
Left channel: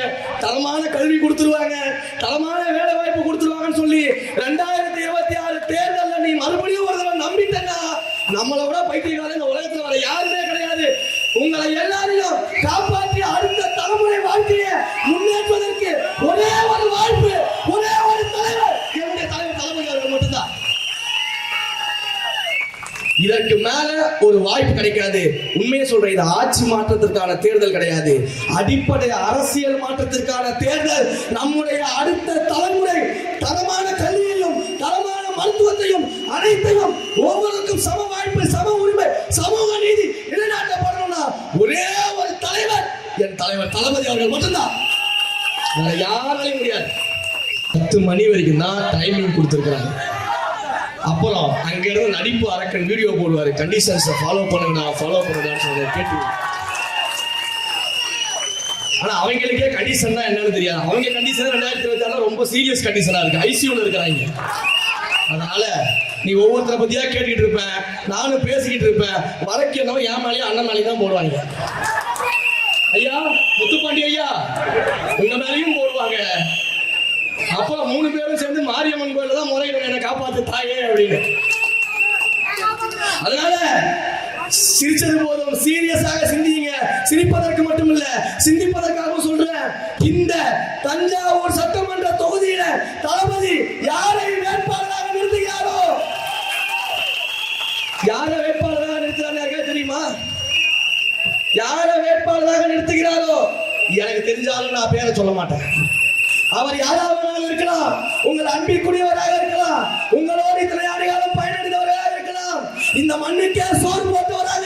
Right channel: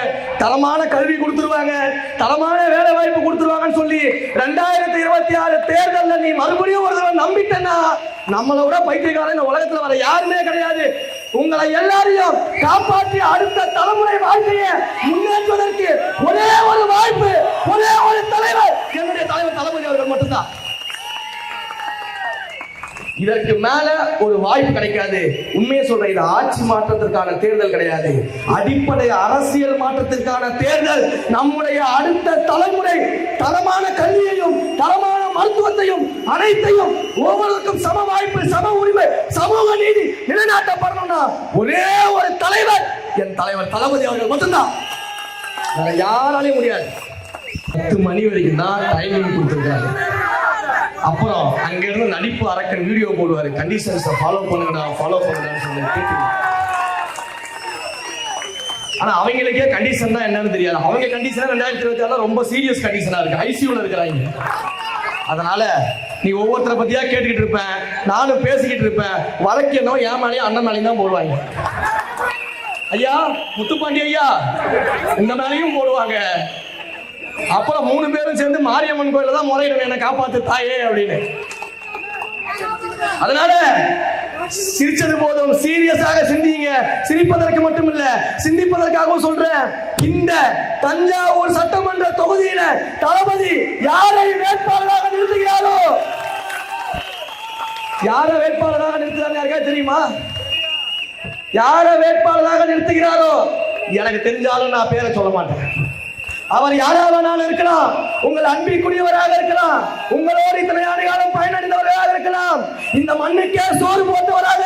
தரமான கல்வி கொடுத்துருவாங்க, தரமான வேலை வாய்ப்பு கொடுத்துருவாங்கன்னு சொல்லி 2026 தேர்தல்ல நீ மறுபடியும் ஒரு தடவை நம்பிட்டேன்னா நம்மளை விட பைத்தியக்காரன் இந்த உலகத்துல வர யாருமே கிடையாது. உங்களை எல்லாரையும் காப்பாற்றி அடுத்த தலைமுறை வாழ்க்கையை முன்னேற்றுவதற்கு ஒரே ஒரு வாய்ப்பு, ஒரே ஒரு தலைவர், என்னுடைய தலைவர் தளபதி அவர்கள் மட்டும்தான். இதற்கு மேல ஒரு வாய்ப்பு கிடைக்காது. உண்மையை சொல்றேன், இது ஆட்சி மாற்றத்திற்கான தேர்தல் கிடையாது, அடிப்படை அரசியல் மாற்றத்திற்கான தேர்தல். நம்முடைய அடுத்த தலைமுறை தரமான கல்வியையும் தரமான மருத்துவத்தையும் அனைத்தையும் ஒவ்வொருக்கும் சம வாய்ப்பு, சம உரிமை, சமூக நீதி நிலைநாட்டப்படணும்னா ஒரே ஒரு தலைவர், என் தலைவர் தளபதி அவர்கள் மட்டும்தான். வேற யாராலையும் முடியாது. 10 மணி வரைக்கும் தான் டைமிங் கொடுத்திருக்காங்க. அப்புறம் அங்க இருந்து நடிப்பு அரக்கன் வீடியோ போடுவாரு, கண்டிஷன்ஸ் ஃபாலோ பண்ணுங்கடா சொல்லி கேட்டு. ஆனா அவங்களுக்கே கண்டிஷன் தான் என்னன்னு தெரியாது. அவங்க கண்டிஷன் 2026 ரொம்ப சீரியஸ் கண்டிஷனா இருக்கு, ஐசியூல இருக்கிறாங்க. அதனால நீ ஒவ்வொருத்தரை பத்தியா கேட்டுக்கிட்டு இருப்பேன், நானும் பேசிக்கிட்டு இருப்பேன். வழக்கு என்னவோ என் மேலேயும் அண்ணன் மேலேயும் தான் போடுவாங்க. ஐயா முத்துப்பாண்டி ஐயா உங்க மேலேயும் போடுவாங்க. அப்புறம் 3 பேரும் சேர்ந்து மாரியம்மன் கோயில தான் முறையிடுவேன், என்னை காப்பாத்து தாயே அப்படின்னு. அதனால சிரிச்சது போதும், சீரியஸாக சிந்திங்க. சிரிப்பதற்கு மட்டும் இல்ல, சிந்திப்பதற்காகவும் சொல்றேன். இந்த தஞ்சாவூர் சட்டமன்ற தொகுதியில தளபதி யாரை வேட்பாளராக நிறுத்துகிறாரோ, யார வேட்பாளராக நிறுத்துறாங்க தெரியுமா? யார வேட்பாளராக நிறுத்துகிறாரோ எனக்கு தெரிஞ்சாலும் நான் பேரை சொல்ல மாட்டேன். அவர் யாராவது இருக்கலாம், உங்கள் அன்பிற்குரியவராக இருக்கலாம், உங்களோடு இத்தனை ஆண்டு காலம் பயனடைந்தவராக இருக்கலாம், இந்த மண்ணுக்கே சோறு போட்டவராக